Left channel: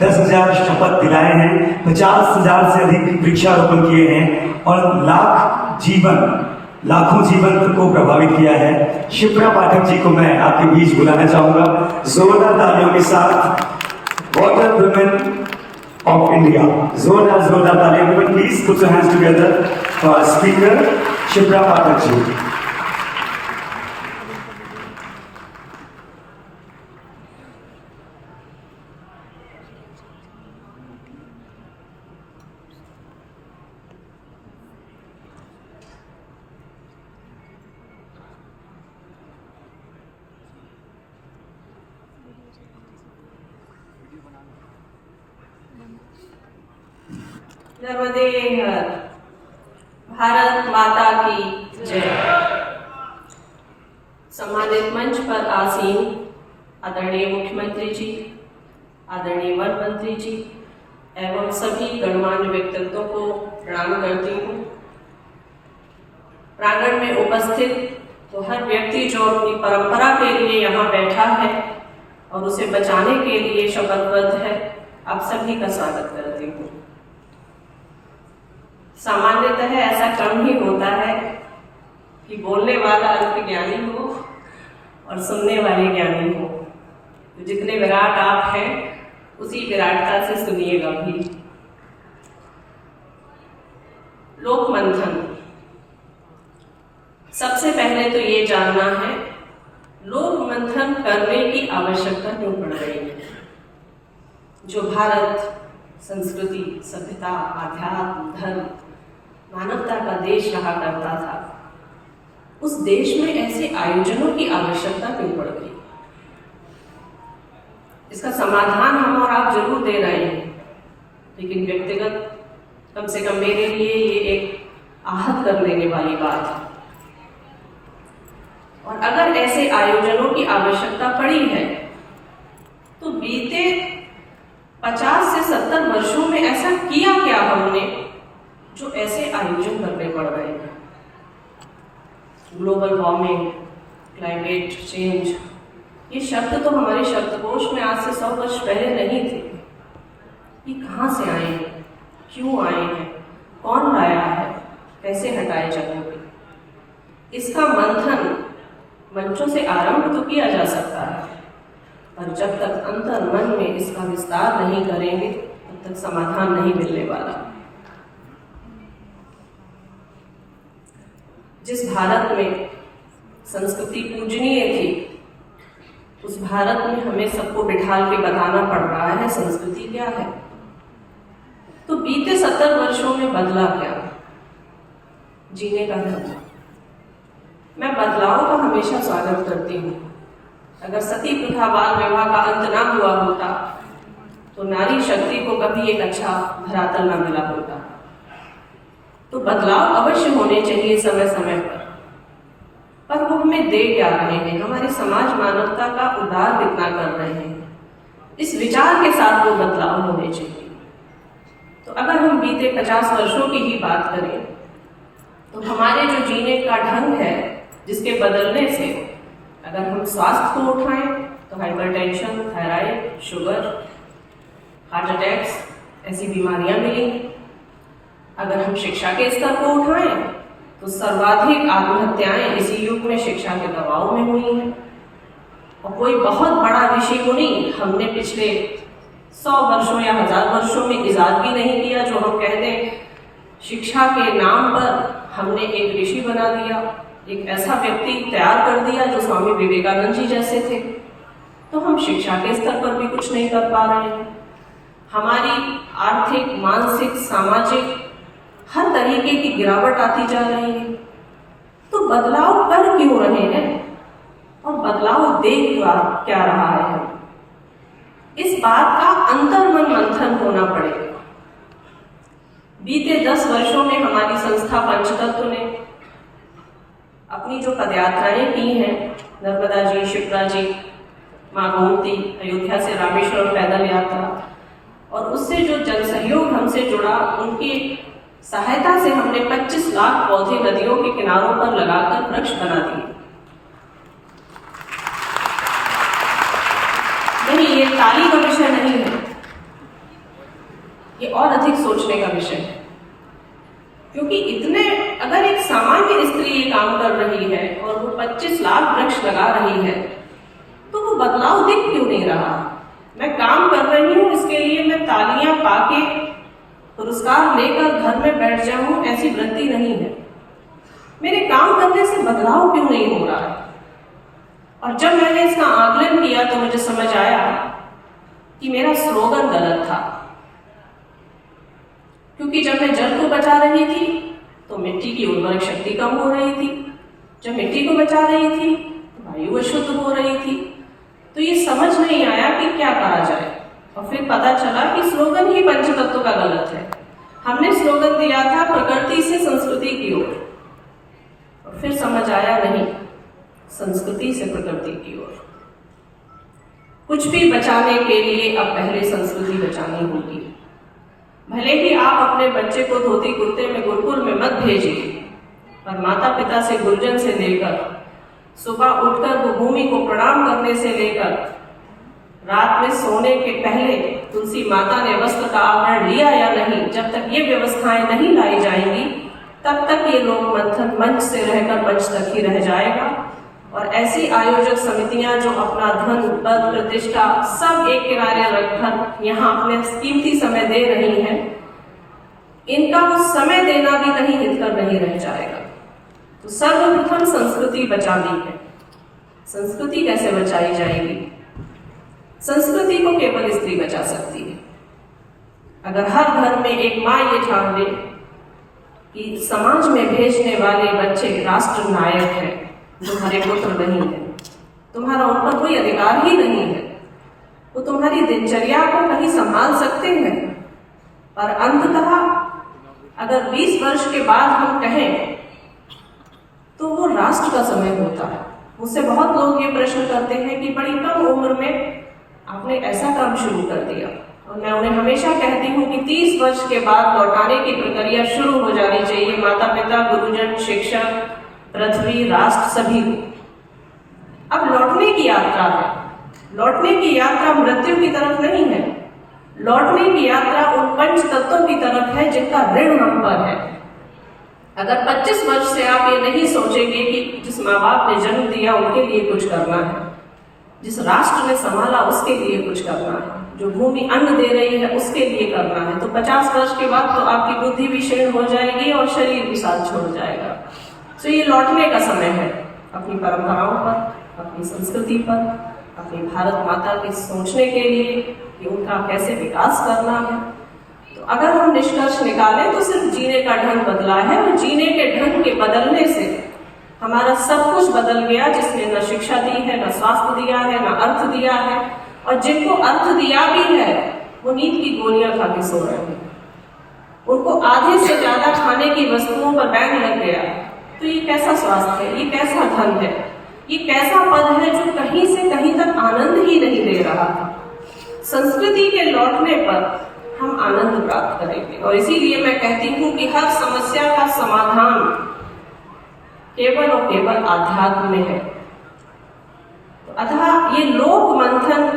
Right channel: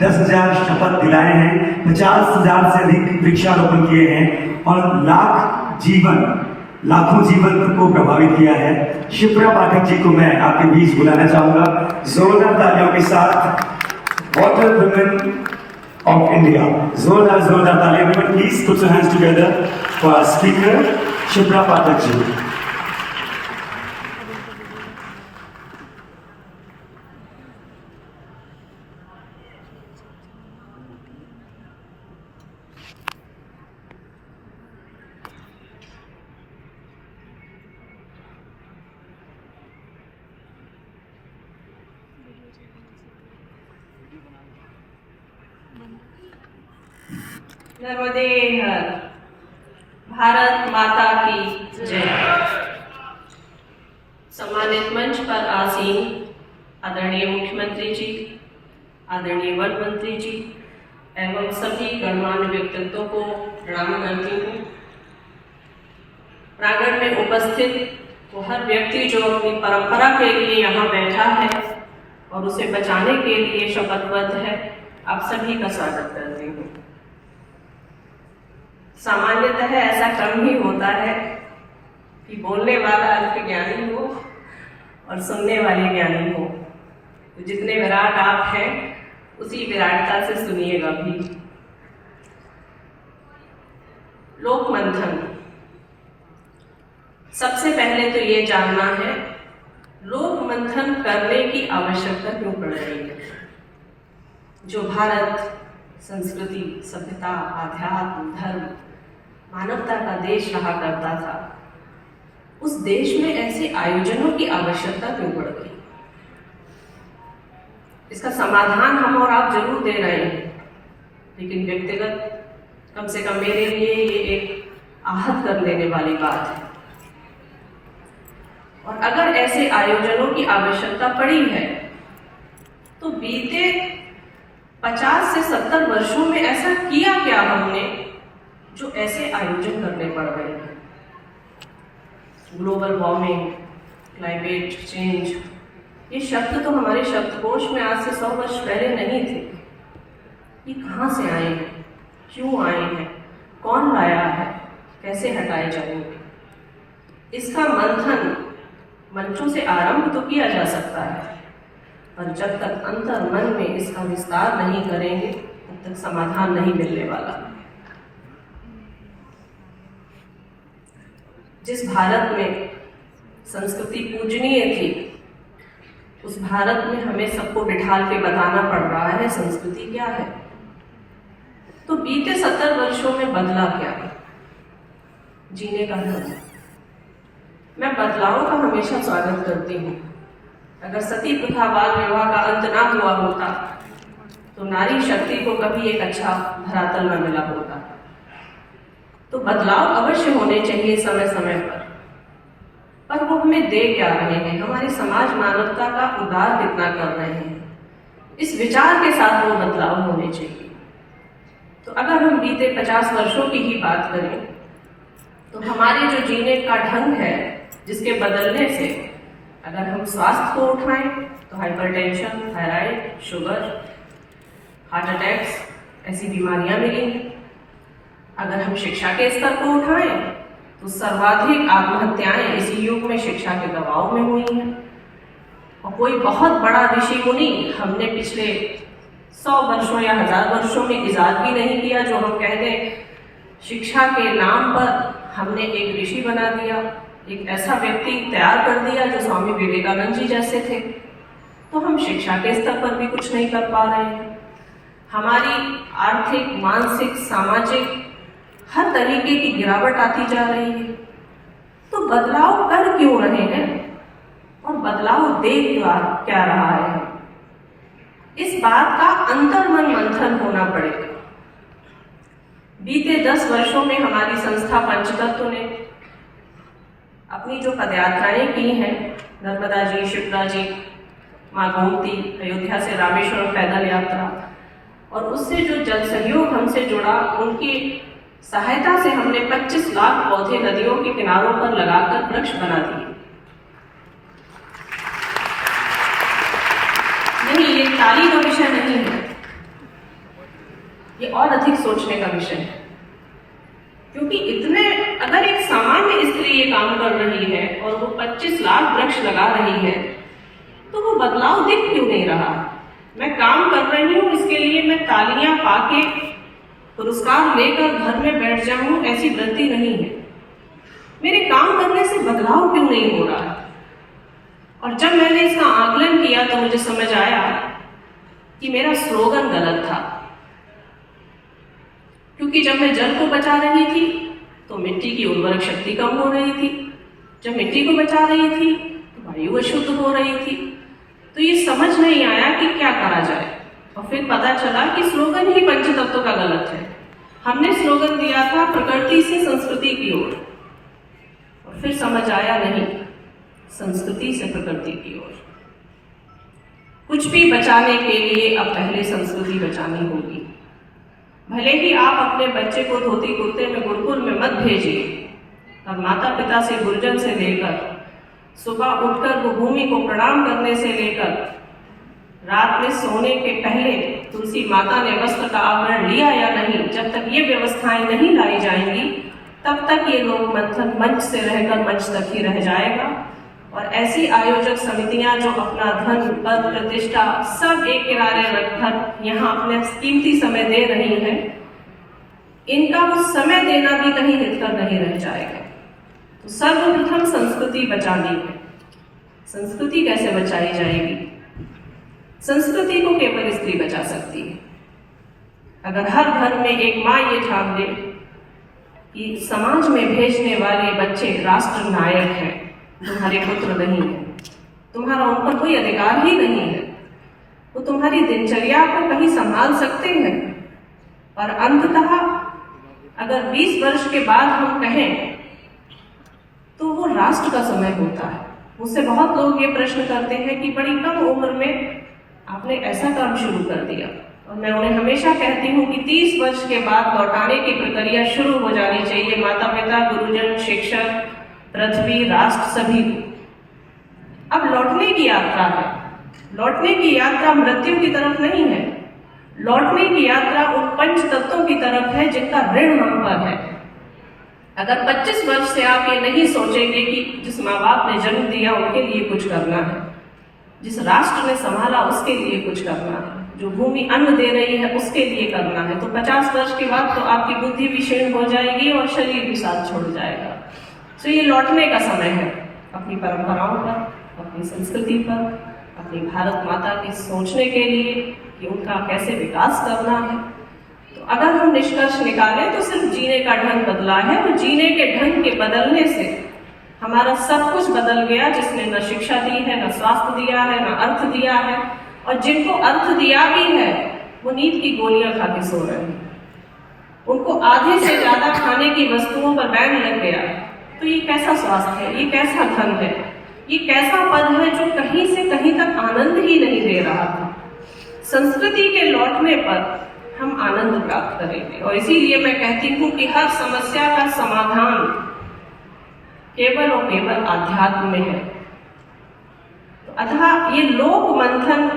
10,000 शपथ दिलाए हैं, 50,000 से अधिक वृक्षारोपण किए हैं और लाखों जीवन को प्रभावित किया है। शिप्रा पाठक जी को मैं आपके बीच बुलाना चाहूंगा जोरदार तालियों के साथ। वाटर वुमेन ऑफ इंडिया, जोरदार तालियां women, please put your hands together for speaker Shipra Pathak ji. Narmade हर, भारत माता की जय। सम्मानित मंच पर आसीन आदरणीय मुख्यमंत्री जी, आदरणीय वन मंत्री जी एवं सभी गणमान्य व्यक्तित्वों को प्रणाम करती हूँ। प्रांगण में उपस्थित वो हर व्यक्ति जो अपनी परंपरा के लिए यहाँ बैठा है और उसे बचाने के लिए शपथबद्ध है, आप सभी का स्वागत करती हूँ। सामान्यतः ऐसा कम ही होता है कि बोलने वाला अल्प ज्ञानी हो और सुनने वाले ज्ञानी हो। तो जितने विराट आप हैं उसी विराटता से सुनिएगा भी। लोक मंथन, सबसे पहले तो ये जानना है लोक मंथन करने की आवश्यकता क्यों पड़ रही है। जो भारत संस्कृति, सभ्यता, आध्यात्म, धर्म, मानवता का देश रहा करता था, उस देश में ऐसे आयोजनों की आवश्यकता क्यों पड़ गई। इसका समाधान हम और आप जरूर दे रहे हैं, लेकिन व्यक्तिगत कम से कम मेरे लिए ये एक आहत कर लेने वाली बात है। और अगर ऐसे आयोजनों की आवश्यकता पड़ी है तो बीते 50 से 70 वर्षों में ऐसा किया क्या हमने जो ऐसे आयोजन करने पड़ रहे हैं। ग्लोबल वार्मिंग, क्लाइमेट चेंज, ये शब्द तो हमारे शब्दकोश में आज से 100 वर्ष पहले नहीं थे। ये कहाँ से आए हैं, क्यों आए हैं, कौन लाया है, कैसे हटाए जाएंगे। इसका मंथन मंचों से आरंभ तो किया जा सकता है, और जब तक अंतर मन में इसका विस्तार नहीं करेंगे तब तक समाधान नहीं मिलने वाला। जिस भारत में संस्कृति पूजनीय थी, उस भारत में हमें सबको बिठाल के बताना पड़ रहा है संस्कृति क्या है। तो बीते 70 वर्षों में बदला क्या जीने का ढंग। मैं बदलाव का हमेशा स्वागत करती हूँ। अगर सती प्रथा बाल विवाह का अंत ना हुआ होता तो नारी शक्ति को कभी एक अच्छा धरातल न मिला होता। तो बदलाव अवश्य होने चाहिए समय समय पर वो हमें दे क्या रहे हैं, हमारे समाज मानवता का उद्धार कितना कर रहे हैं, इस विचार के साथ वो बदलाव होने चाहिए। तो अगर हम बीते 50 वर्षों की ही बात करें तो हमारे जो जीने का ढंग है, जिसके बदलने से अगर हम स्वास्थ्य को उठाएं तो hypertension, thyroid, sugar, heart attacks ऐसी बीमारियां मिलेंगी। अगर हम शिक्षा के स्तर को उठाएं तो सर्वाधिक आत्महत्याएं इसी युग में शिक्षा के दबाव में हुई हैं। और कोई बहुत बड़ा ऋषि मुनि हमने पिछले 100 वर्षों या 1000 वर्षों में इजाद भी नहीं किया जो हम कह दें शिक्षा के नाम पर हमने एक ऋषि बना दिया, एक ऐसा व्यक्ति तैयार कर दिया जो स्वामी विवेकानंद जी जैसे थे। तो हम शिक्षा के स्तर पर भी कुछ नहीं कर पा रहे हैं। हमारी आर्थिक, मानसिक, सामाजिक हर तरीके की गिरावट आती जा रही है। तो बदलाव कर क्यों रहे हैं और बदलाव दे क्या रहा है, इस बात का अंतर्मन मंथन होना पड़ेगा। बीते 10 वर्षों में हमारी संस्था पंचतत्व ने अपनी जो पदयात्राएं की हैं, नर्मदा जी, शिप्रा जी, माँ गोमती, अयोध्या से रामेश्वरम पैदल यात्रा, और उससे जो जन सहयोग हमसे जुड़ा, उनकी सहायता से हमने 25 लाख पौधे नदियों के किनारों पर लगाकर वृक्ष बना दिए। नहीं, ये ताली का विषय नहीं है, ये और अधिक सोचने का विषय है। क्योंकि अगर एक सामान्य स्त्री ये काम कर रही है और वो 25 लाख वृक्ष लगा रही है, तो वो बदलाव दिख क्यों नहीं रहा? मैं काम कर रही हूँ, इसके लिए मैं तालियां पाके पुरस्कार लेकर घर में बैठ जाऊं, ऐसी वृत्ति नहीं है। मेरे काम करने से बदलाव क्यों नहीं हो रहा? और जब मैंने इसका आकलन किया तो मुझे समझ आया कि मेरा स्लोगन गलत था। क्योंकि जब मैं जल को बचा रही थी तो मिट्टी की उर्वरक शक्ति कम हो रही थी, जब मिट्टी को बचा रही थी तो वायु अशुद्ध हो रही थी। तो ये समझ नहीं आया कि क्या कहा जाए, और फिर पता चला कि स्लोगन ही पंचतत्व का गलत है। हमने स्लोगन दिया था प्रकृति से संस्कृति की ओर, और फिर समझ आया नहीं, संस्कृति से प्रकृति की ओर। कुछ भी बचाने के लिए अब पहले संस्कृति बचानी होगी। भले ही आप अपने बच्चे को धोती कुर्ते में गुरुकुल में मत भेजिए, पर माता पिता से गुरजन से लेकर सुबह उठकर वो भूमि को प्रणाम करने से लेकर रात में सोने के पहले तुलसी माता ने वस्त्र का आवरण लिया या नहीं, जब तक ये व्यवस्थाएं नहीं लाई जाएंगी तब तक ये लोक मंथन मंच से रहकर मंच तक ही रह जाएगा। और ऐसी आयोजक समितियां जो अपना धन, पद, प्रतिष्ठा सब एक किनारे रखकर यहाँ अपने कीमती समय दे रही हैं, इनका कुछ समय देना भी कहीं हितकर नहीं रह जाएगा। तो सर्वप्रथम संस्कृति बचानी है। संस्कृति कैसे बचाई जाएगी? संस्कृति को केवल स्त्री बचा सकती है। अगर हर घर में एक माँ ये ठान ले कि समाज में भेजने वाले बच्चे राष्ट्र नायक हैं, तुम्हारे पुत्र नहीं है, तुम्हारा उन पर कोई अधिकार ही नहीं है, वो तुम्हारी दिनचर्या को कहीं संभाल सकते हैं, और अंततः अगर 20 वर्ष के बाद हम कहें तो वो राष्ट्र का समय होता है। मुझसे बहुत लोग ये प्रश्न करते हैं कि बड़ी कम उम्र में आपने ऐसा काम शुरू कर दिया, और मैं उन्हें हमेशा कहती हूँ कि 30 वर्ष के बाद लौटाने की प्रक्रिया शुरू हो जानी चाहिए। माता पिता, गुरुजन, शिक्षक, पृथ्वी, राष्ट्र सभी। अब लौटने की यात्रा है। लौटने की यात्रा मृत्यु की तरफ नहीं है, लौटने की यात्रा उन पंच तत्वों की तरफ है जिनका ऋण हम पर है। अगर 25 वर्ष से आप ये नहीं सोचेंगे कि जिस माँ बाप ने जन्म दिया उनके लिए कुछ करना है, जिस राष्ट्र ने संभाला उसके लिए कुछ करना है, जो भूमि अन्न दे रही है उसके लिए करना है, तो 50 वर्ष के बाद तो आपकी बुद्धि भी क्षीण हो जाएगी और शरीर भी साथ छोड़ जाएगा। तो ये लौटने का समय है अपनी परंपराओं पर, अपनी संस्कृति पर, अपनी भारत माता की सोचने के लिए कि उनका कैसे विकास करना है। तो अगर हम निष्कर्ष निकालें तो सिर्फ जीने का ढंग बदला है, और जीने के ढंग के बदलने से हमारा सब कुछ बदल गया, जिसने न शिक्षा दी है, न स्वास्थ्य दिया है, न अर्थ दिया है, और जिनको अर्थ दिया भी है वो नींद की गोलियां खा के सो रहे हैं। उनको आधे से ज्यादा खाने की वस्तुओं पर बैन लग गया। तो ये कैसा स्वास्थ्य है, ये कैसा धन है, ये कैसा पद है जो कहीं से कहीं तक आनंद ही नहीं दे रहा था। संस्कृति के लौटने पर हम आनंद प्राप्त करेंगे, और इसीलिए मैं कहती हूँ कि हर समस्या का समाधान केवल और केवल आध्यात्म में है। तो अतः ये लोक मंथन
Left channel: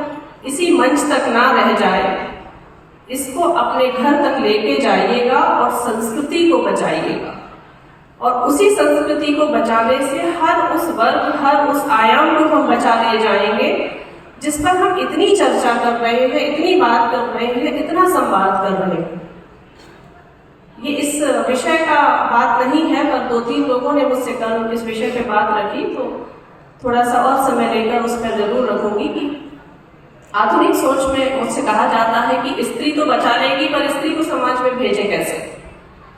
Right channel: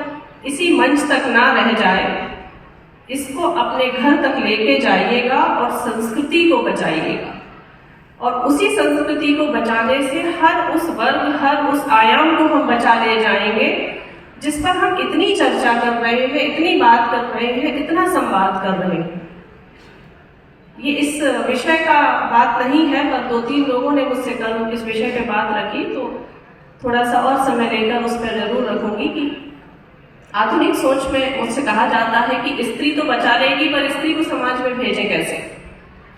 इसी मंच तक ना रह जाए, इसको अपने घर तक लेके जाइएगा और संस्कृति को बचाइएगा। और उसी संस्कृति को बचाने से हर उस वर्ग, हर उस आयाम को हम बचा ले जाएंगे जिस पर हम इतनी चर्चा कर रहे हैं, इतनी बात कर रहे हैं, इतना संवाद कर रहे हैं। ये इस विषय का बात नहीं है, पर 2-3 लोगों ने मुझसे कल इस विषय पे बात रखी, तो थोड़ा सा और समय लेकर उस पर जरूर रखूंगी कि आधुनिक सोच में मुझसे कहा जाता है कि स्त्री तो बचा लेगी, पर स्त्री को समाज में भेजें कैसे,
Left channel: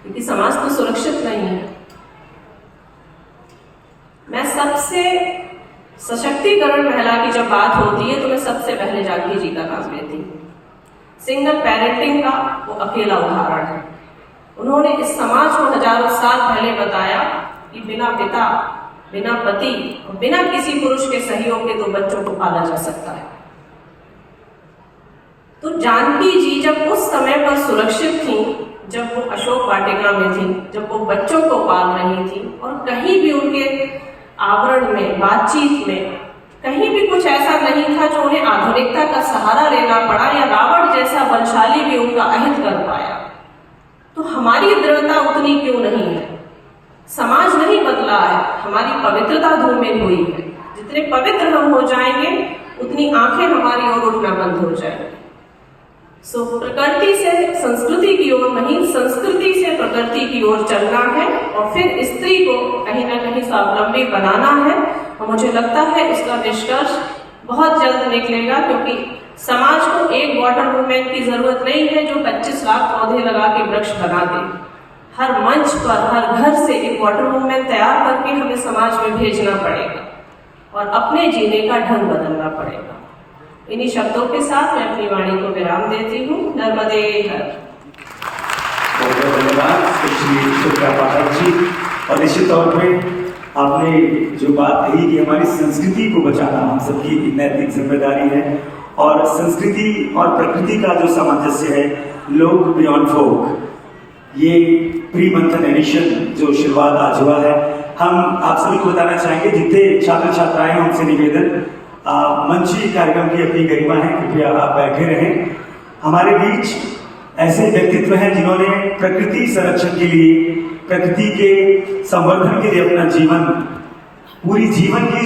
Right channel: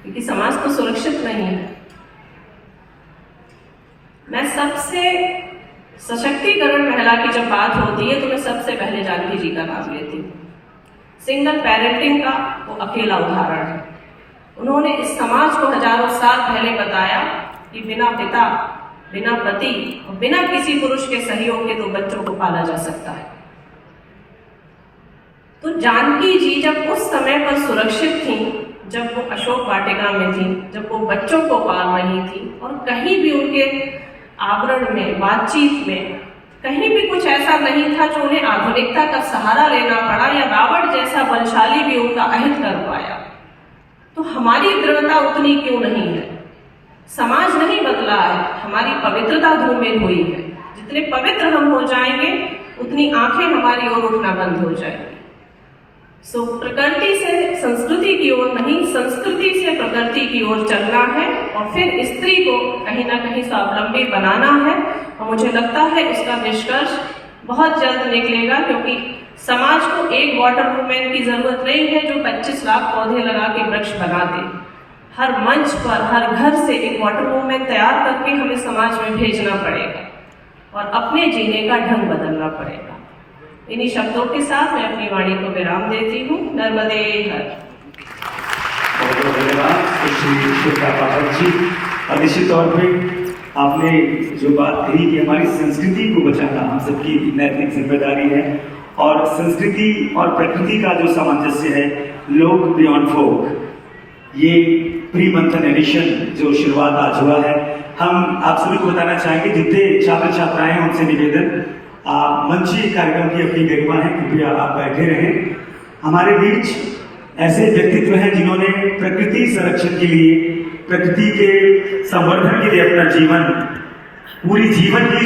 क्योंकि समाज तो सुरक्षित नहीं है। मैं सबसे सशक्तिकरण महिला की जब बात होती है तो मैं सबसे पहले जानकी जी का नाम लेती हूँ। सिंगल पेरेंटिंग का वो अकेला उदाहरण है। उन्होंने इस समाज को हजारों साल पहले बताया कि बिना पिता, बिना पति और बिना किसी पुरुष के सहयोग के 2 बच्चों को पाला जा सकता है। तो जानकी जी जब उस समय पर सुरक्षित थी, जब वो अशोक वाटिका में थी, जब वो बच्चों को पाल रही थी, और कहीं भी उनके आवरण में, बातचीत में कहीं भी कुछ ऐसा नहीं था जो उन्हें आधुनिकता का सहारा लेना पड़ा या रावण जैसा बलशाली भी उनका अहित कर पाया। तो हमारी दृढ़ता उतनी क्यों नहीं है? समाज नहीं बदला है, हमारी पवित्रता धूमिल हुई है। जितने पवित्र हम हो जाएंगे उतनी आंखें हमारी ओर उठना बंद हो जाएंगी। सो प्रकृति से संस्कृति की ओर नहीं, संस्कृति से प्रकृति की ओर चलना है और फिर स्त्री को कहीं ना कहीं स्वावलंबी बनाना है। और मुझे लगता है इसका निष्कर्ष बहुत जल्द निकलेगा, क्योंकि समाज को एक वाटर वुमेन की जरूरत नहीं है जो 25 लाख पौधे लगा के वृक्ष बना दे। हर मंच पर, हर घर से एक वाटर वुमेन तैयार करके हमें समाज में भेजना पड़ेगा और अपने जीने का ढंग बदलना पड़ेगा। इन्हीं शब्दों के साथ मैं अपनी वाणी को विराम देती हूँ। नर्मदे हर। बहुत बहुत धन्यवाद स्पेशली शिप्रा पाठक जी। और निश्चित तौर पे आपने जो बात कही कि हमारी संस्कृति को बचाना हम सबकी नैतिक जिम्मेदारी है, और संस्कृति और प्रकृति का जो सामंजस्य है, लोक बियॉन्ड फोक, ये प्री मंथन एडिशन जो शुरुआत आज हुआ है, हम आप सभी को बताना चाहेंगे, जितने छात्र छात्राएं हैं उनसे निवेदन, मंची कार्यक्रम की अपनी गरिमा है, कृपया आप बैठे रहें। हमारे बीच ऐसे व्यक्तित्व हैं जिन्होंने प्रकृति संरक्षण के लिए, प्रकृति के संवर्धन के लिए अपना जीवन, पूरी जीवन की